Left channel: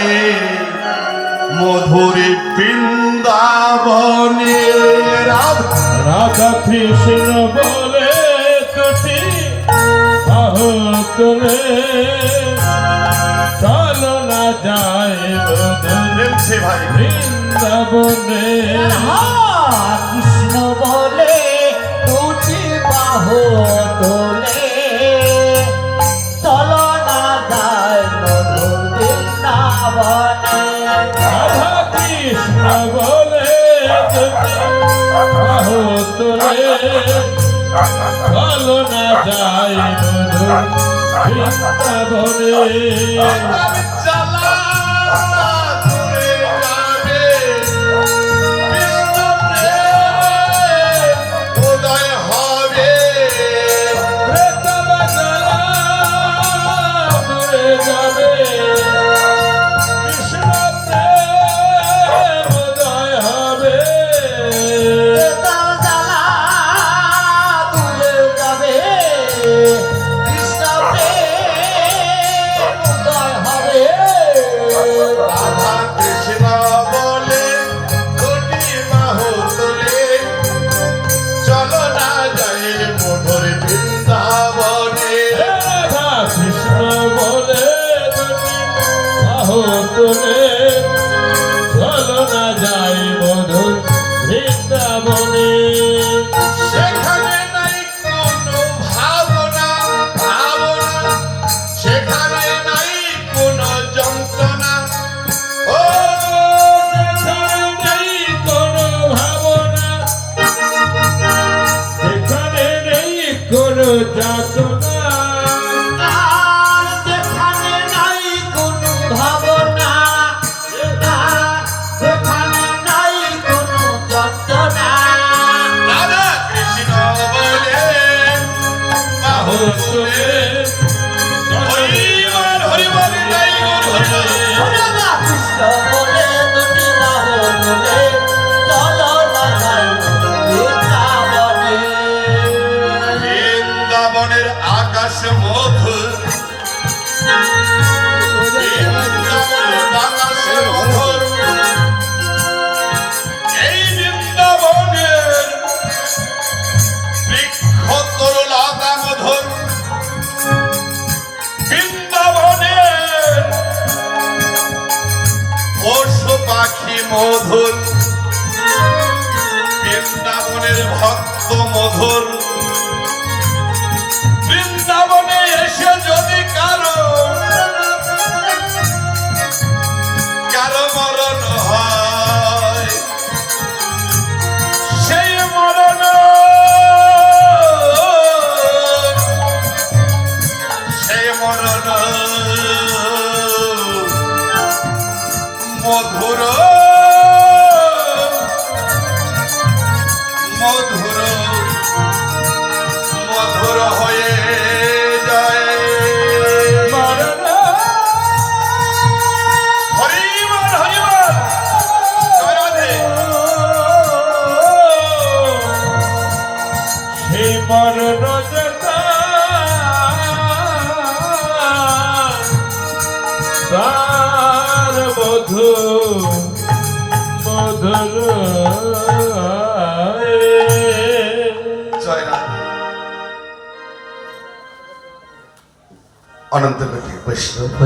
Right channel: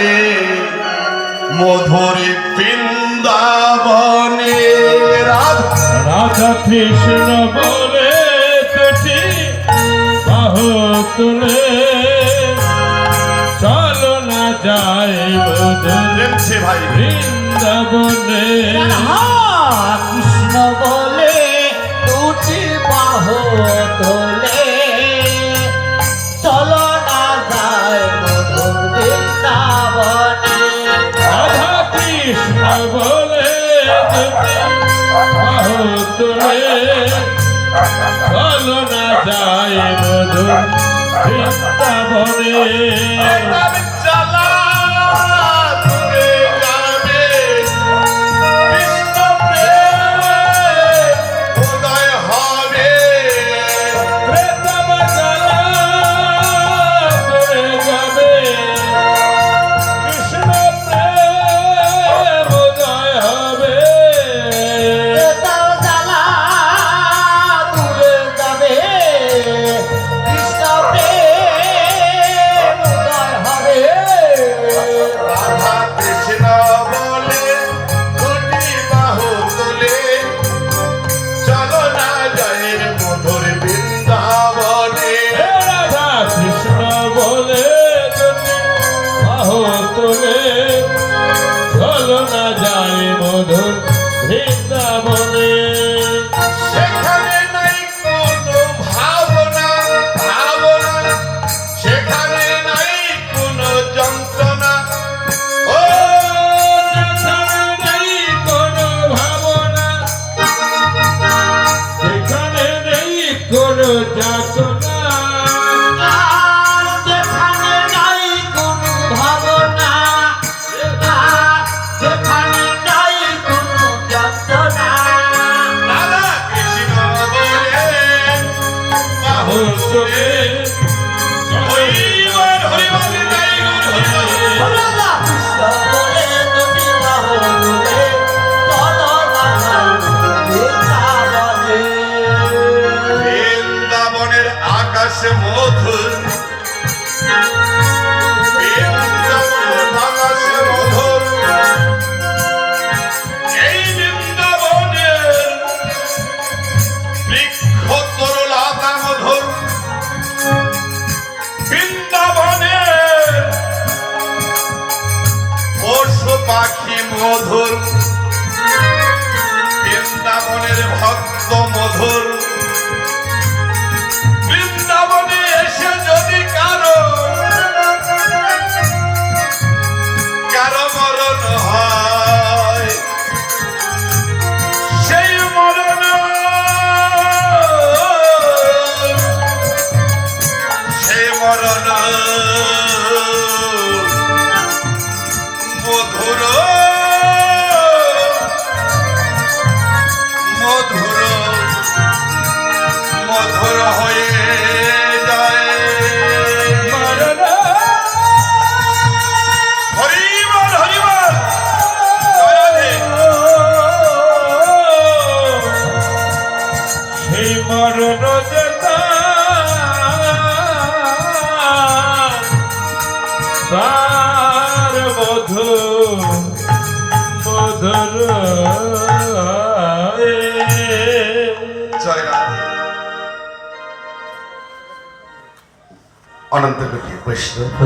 রে মধুর বৃন্দাবনে রাধা কৃষ্ণ বলে তুটি চলো না যায় মধুর বৃন্দাবনে। বলে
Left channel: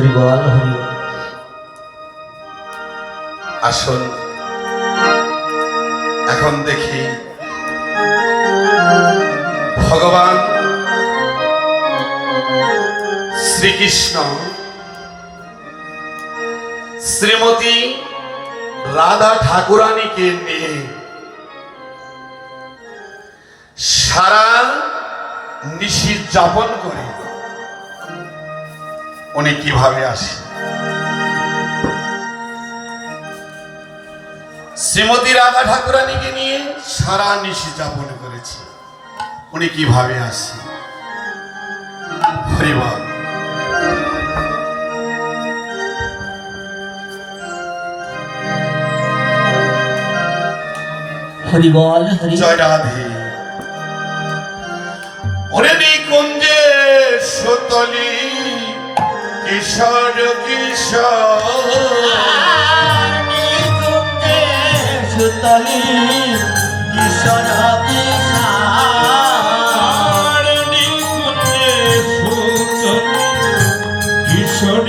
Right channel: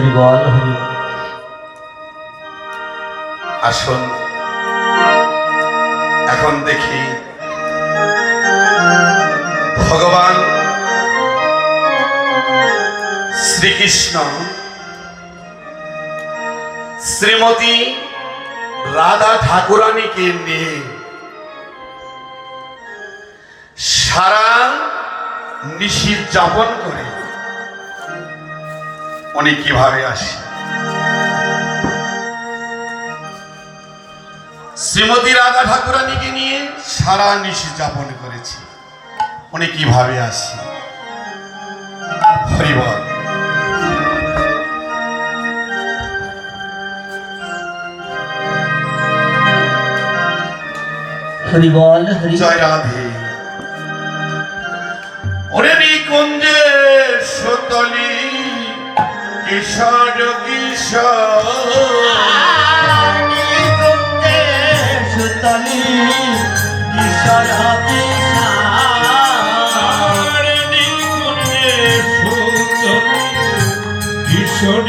হরি বল, হরি আসুন। এখন দেখি ভগবান শ্রীকৃষ্ণ শ্রীমতী রাধা ঠাকুরানীকে নিয়ে সারা নিশি যাপন করে উনি কীভাবে আসে? শ্রীমতী রাধা ঠাকুরানীকে নিয়ে সারা নিশি যাপন করেছি। উনি কীভাবে আসে? হরিবল হরিবল হরি জয় রাধে। ওরে নিকুঞ্জে সুতলী কিশোর কিশোর। সুতলি কিশোর কিশোর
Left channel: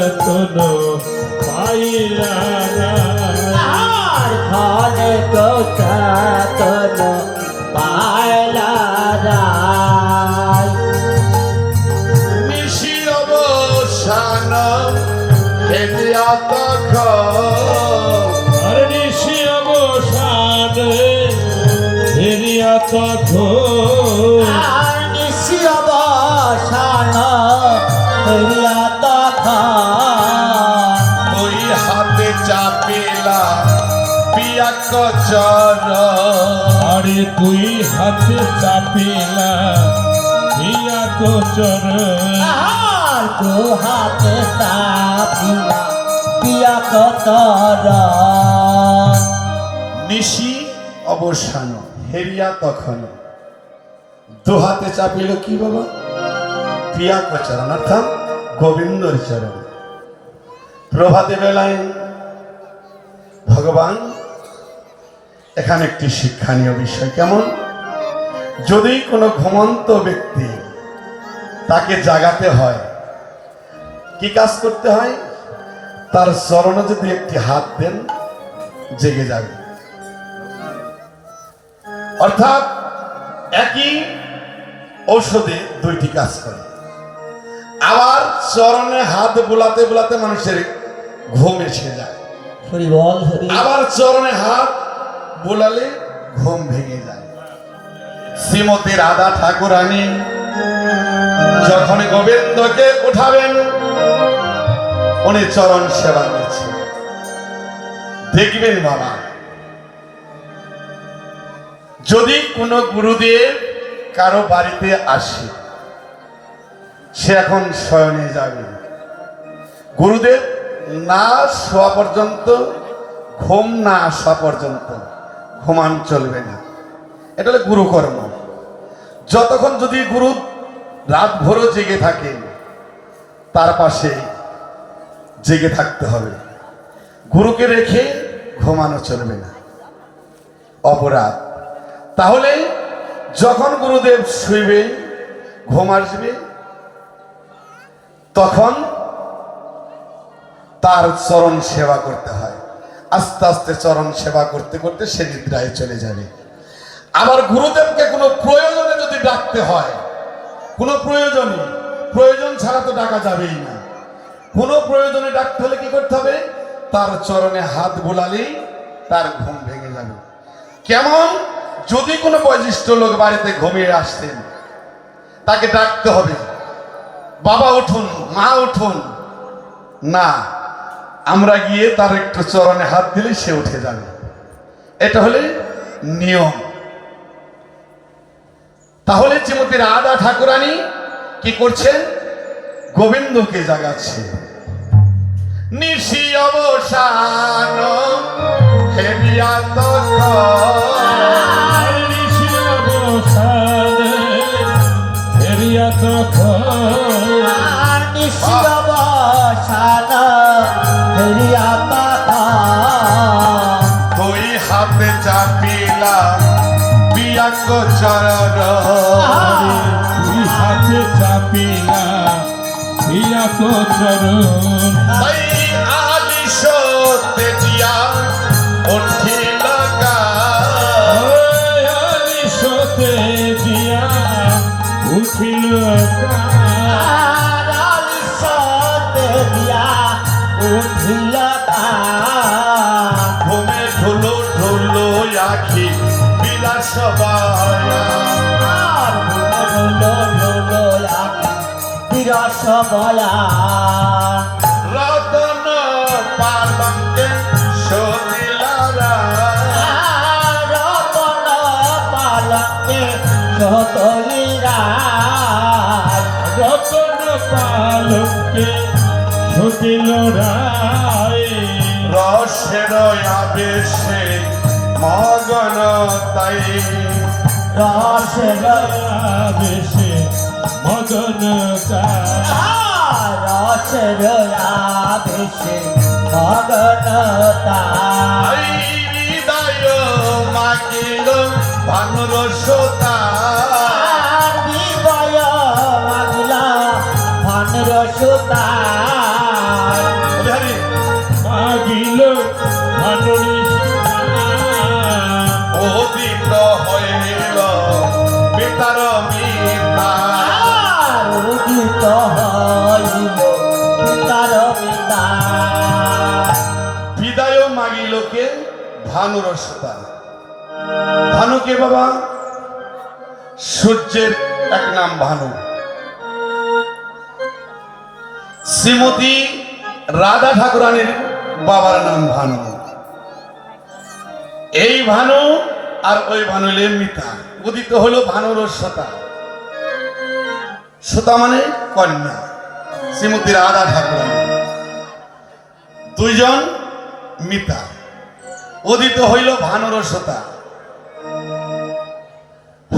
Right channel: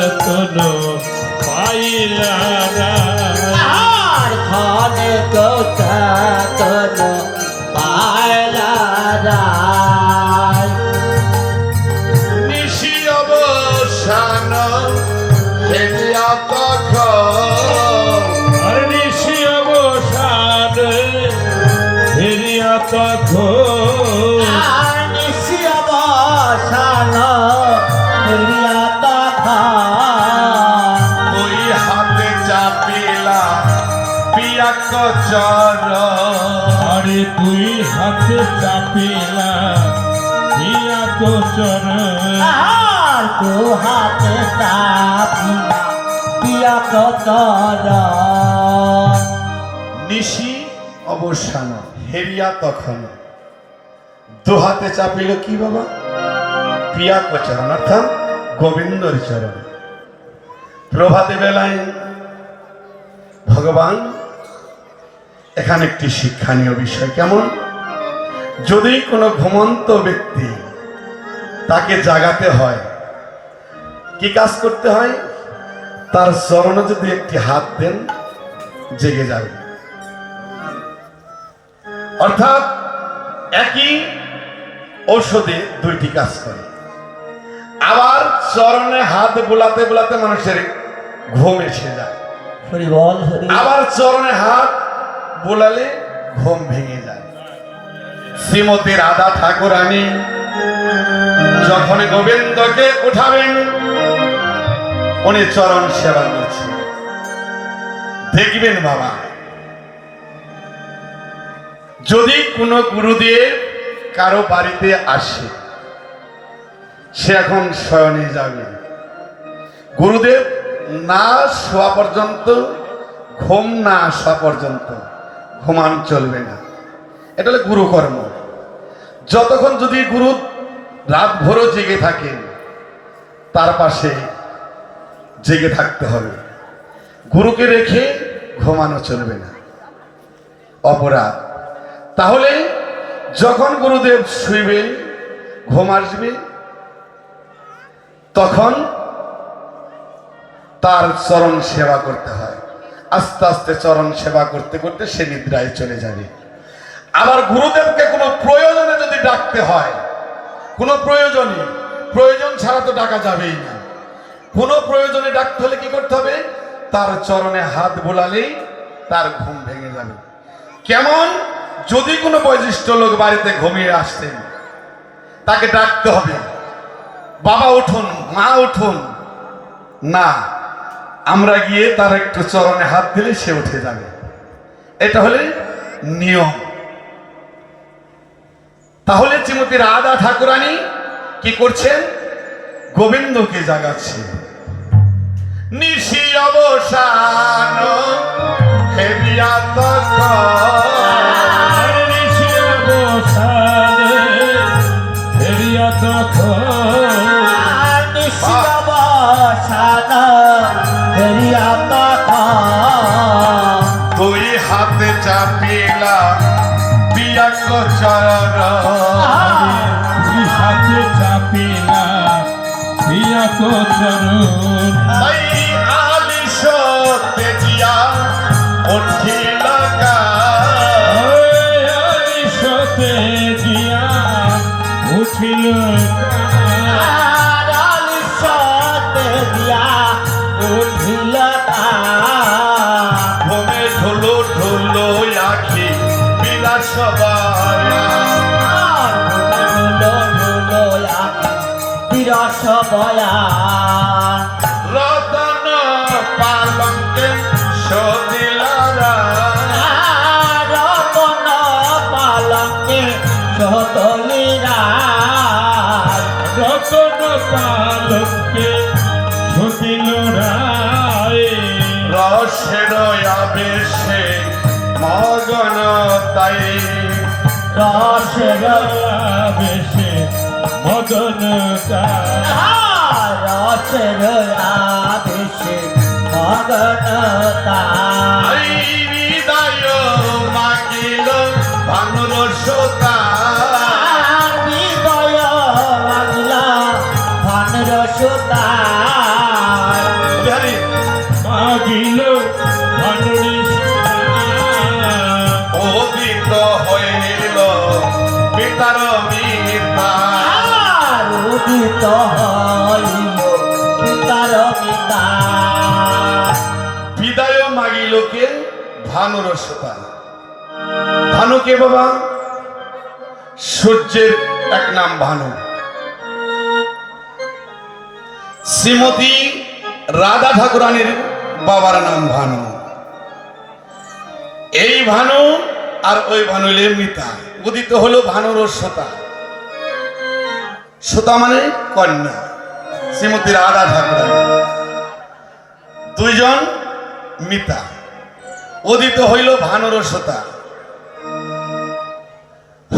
কোনো পাইলা না। আর খানে কোথা কোন পায়লা নিশি অবসান হেলিয়া তখন নিশি অবসানে ফেরিয়া তখন নিশি অবসান ফেরিয়া চর আরে তুই হাতে চাপিলা দিয়া তো চরণ। আর তো হাতে সাথিয়া পিয়া কতর নিশি অবসান হেরিয়া তখন। দু হাতে চাপিল কি বাবা? পিয়া চরণ অর্থাৎ গোবিন্দর চরণ। প্রভাতে বেলায় ভগবান এখানে একটি শিক্ষণীয় বিষয় কেমন? যদি কোনো ঘুমন্ত ব্যক্তি তাকে জাগাতে হয় কি কাজ করতে হয়? তার চরণে যদি একটি হাত দেন জেগে যাবে। অর্থাৎ একই ঔষধে দুইটি কাজ করে। আবার চরণে হাত বোলাতে বোলাতে মানুষের ঘুম এসে যায়। আবার চরণে হাত বোলালে ঘুম ভেঙে যায়। শ্রীমতী রাধা ঠাকুরানী, যখন গোবিন্দকে উঠাবেন, উনি চরণ সেবা করছেন। দেখবেন বাবা, যদি কোনো গুরুদেব কারও বাড়িতে আসে, সে এখন শয়নে যাবে। গুরুদেব না শোয়া পর্যন্ত, ঘুম না আসা পর্যন্ত ঘুমান চলবে না। এটা হলো গুরুকর্ম। যতক্ষণ যদি গুরু রাত ভোরও জেগে থাকেন, তার পাশে জেগে থাকতে হবে। গুরুকে রেখে ঘুমানো চলবে না। অপরাধ। তাহলে যখন গুরুদেব শুইবে, ঘুম আসবে, তখন তার চরণ সেবা করতে হয়। আস্তে আস্তে চরণ সেবা করতে করতে সে নিদ্রায় চলে যাবে। আবার গুরুদেবকে কোনো প্রয়োজনে যদি ডাকতে হয়, কোনো প্রয়োজনে, প্রয়োজন ছাড়া তো ডাকা যাবেই না। কোনো প্রয়োজনে ডাকতে হলে কি করতে হবে? তার চরণে হাত বোলালেই তার ঘুম ভেঙে যাবে। কেমন? যদি কোনো বয়োজ্যেষ্ঠ লোক বাড়িতে ঘুমিয়ে আসতেন, তাকে ডাকতে হবে। বাবা, উঠুন, মা, উঠুন। না আমরা গিয়ে তার একটু চরণে হাত দিলে সে উঠে যাবে। এটা হলে নিয়ম। তাহলে শ্রীমতী রাধা ঠাকুরানী কি করছেন? গোবিন্দকে জাগাচ্ছে নিশি অবসান হেবিয়া চরণ আদি আলিশ রসের বেশে মদন গায় রসের আবেশে মগনতা বাবা, সূর্যের এক নাম ভানু। শ্রীমতী রাধা ঠাকুরানীর বাবার নাম ভানু। এই ভানু আর ওই ভানুলে মিতা। উদিত হলো ভানুর সতা। সতা মানে কন্যা, শ্রীমতী রাধা ঠাকুরানী। দুইজন মিতা। উদিত হইল ভানুর সতা।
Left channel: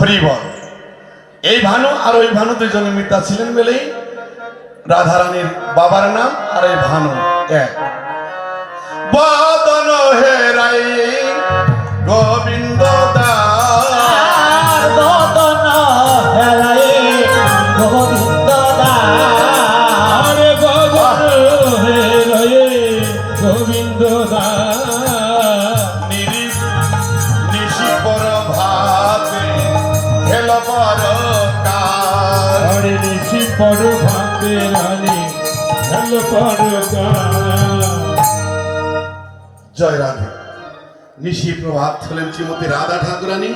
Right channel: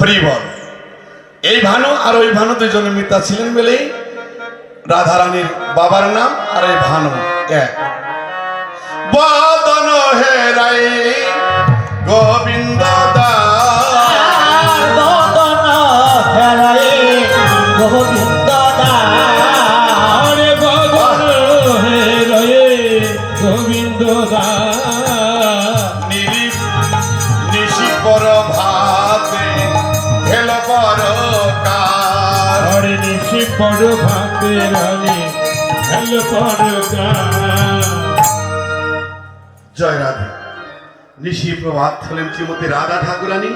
হরিবল এই ভানু আর ওই ভানু দুজন মিতা ছিলেন বলেই রাধারানীর বাবার নাম আর এই ভানু এক। বদন হেরাই হলেন শ্রীমতী রাধা ঠাকুরানী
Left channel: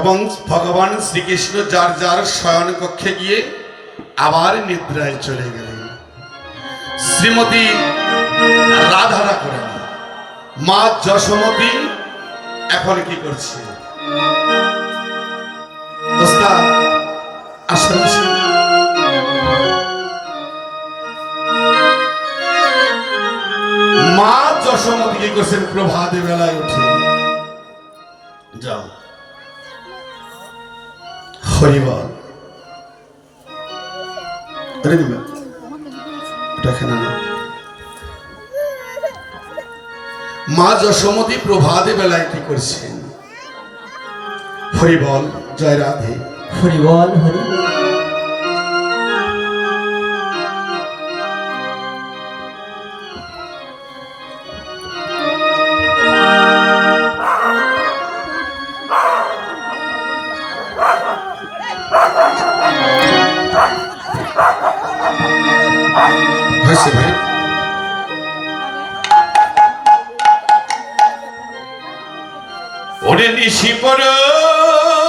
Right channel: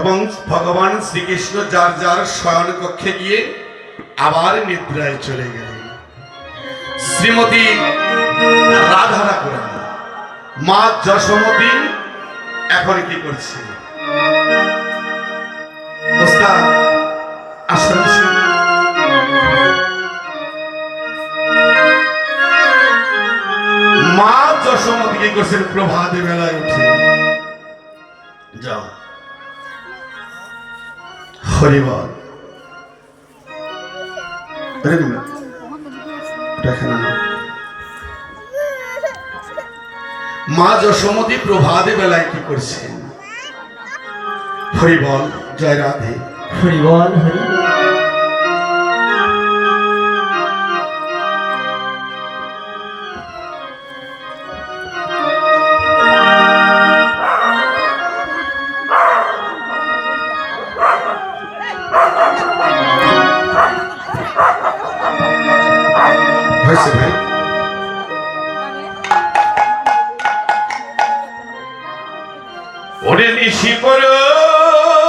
এবং ভগবান শ্রীকৃষ্ণ যার যার শয়ন কক্ষে গিয়ে আবার নিদ্রায় চলে গেলেন। শ্রীমতী রাধা ঠাকুরানী, মা যশোমতী এখন কি করছে। মা যশোমতী কি করছেন? প্রভাত বেলায় উঠে। যাও। হরিবল। মা যশোমতী প্রভাতে বেলায় কি করছেন? হরিবল জয় রাধে। হরি বল ওরে নিশি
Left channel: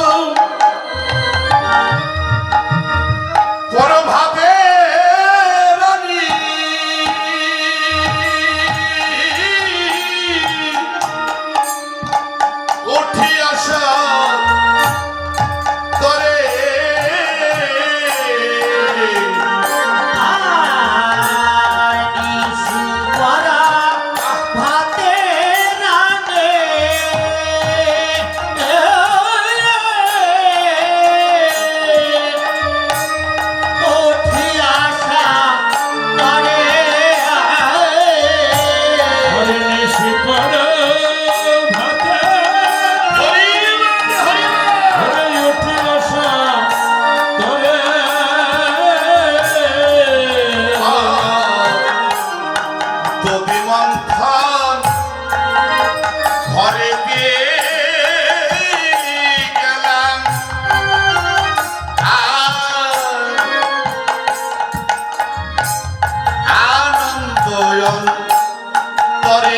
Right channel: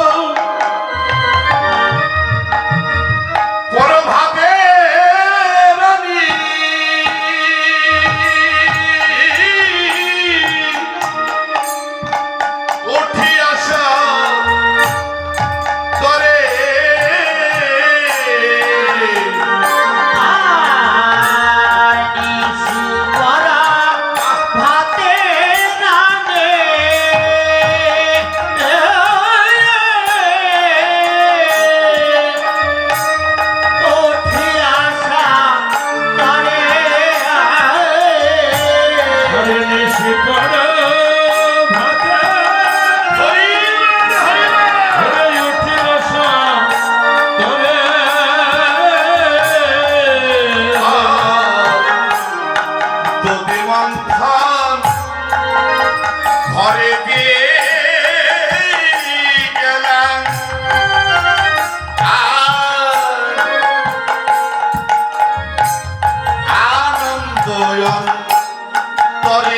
করে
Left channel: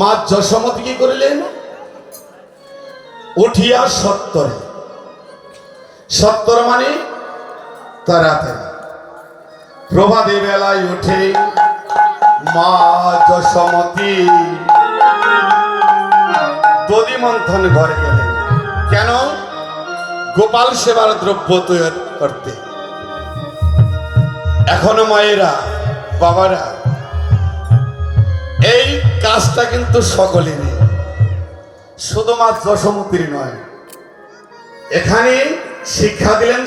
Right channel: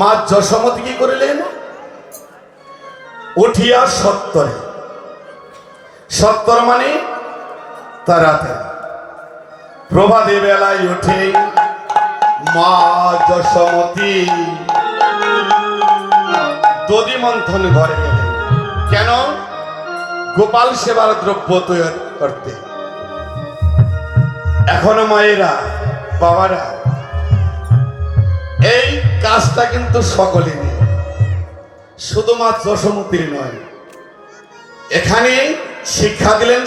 মা যশোমতি কি করিলেন উঠিয়া সত্তরে। সত্তর মানে তাড়াতাড়ি প্রভাতে বেলায় উঠে মা যশোমতি দধি মন্থন ঘরে গেলেন কেন? গোপাল সেবার দ্রব্য তৈরি করতে। এখনও মায়েরা, বাবারা, এই কাজটা কিন্তু সকলেরই। শুধুমাত্র সমুদ্রী নয়। এখানে শিক্ষা দিলেন